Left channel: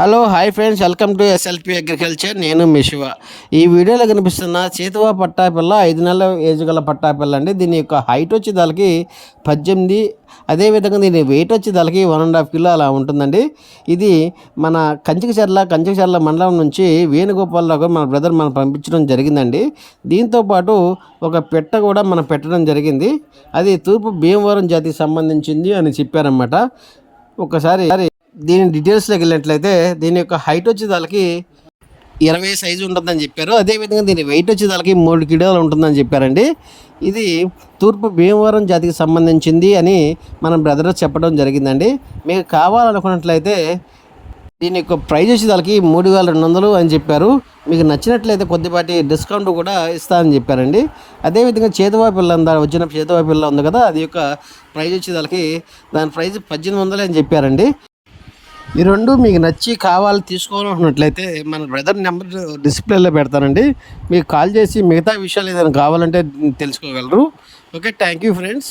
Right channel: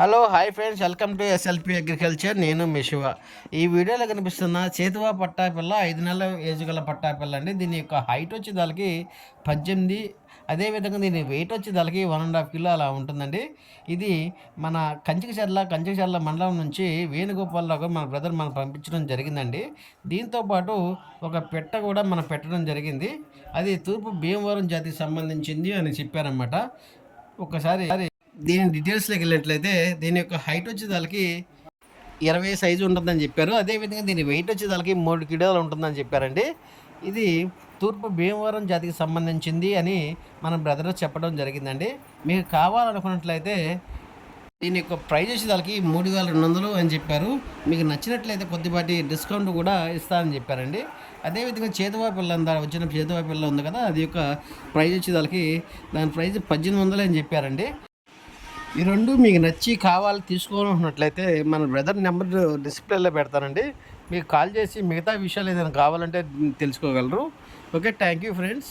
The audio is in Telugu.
Hello hi friends, welcome to SLP agriculture. నేను మీ శివ. ఈ వీడియోలో కనిపిస్తున్న చేతువ పట్టాపిల్ల 5 నెలల ఏజ్ గల పట్టాపిల్ల అండి. దీని యొక్క హైట్ వచ్చి దానికి 18, అదేవిధంగా దీని వెయిట్ వచ్చి దానికి 1.5 కిలో అలా ఉంటుందండి. ఇది మన కంచికచర్ల మండలం నుంచి వేణుగోపాలరావు మన బ్రదర్ మనం పంపించడం జరిగిందండి. దీంతోపాటు ఒక పెట్ట కూడా మనం పెట్టడం జరిగింది. అది తూర్పు భీమవరం జాతికి సంబంధించింది అని చెప్పారన్నమాట. ఒకసారి దీని డీటెయిల్స్లోకి వెళ్ళినట్లయితే దీని యొక్క హైట్ వచ్చి దానికి 20 సైజు ఉంటుందని చెప్పారు. అదేవిధంగా దీని వెయిట్ వచ్చి దానికి 3 కిలోలు ఉంటుందని చెప్పారండి. ఇది తూర్పు భీమవరం జాతికి సంబంధించింది అని మన బ్రదర్ చెప్పడం జరిగిందండి. మీకు కావాలనుకున్నట్లయితే దీని యొక్క ప్రైజ్ వచ్చి దానికి 3,200 అని చెప్పారు. మీకు నచ్చినట్లయితే కొద్దిపాటి డిస్కౌంట్ కూడా ఇస్తామని చెప్పారండి. అదేవిధంగా చేతువా పిల్ల వచ్చిన చేతువా పిల్ల ఉంది కదా, అది యొక్క ప్రైజ్ వచ్చి దాని ప్రైజ్ 1800 అని చెప్పారండి. ఈ రెండు మీకు నచ్చి తీసుకోవాలనుకున్నట్లయితే మన బ్రదర్ నెంబర్ డిస్ప్లేలో పెడతానండి. మీకు కాల్ చేసి మిగతా విషయాలు ఏదైనా కావాలంటే తెలుసుకోగలరు. Okay, thank you friends.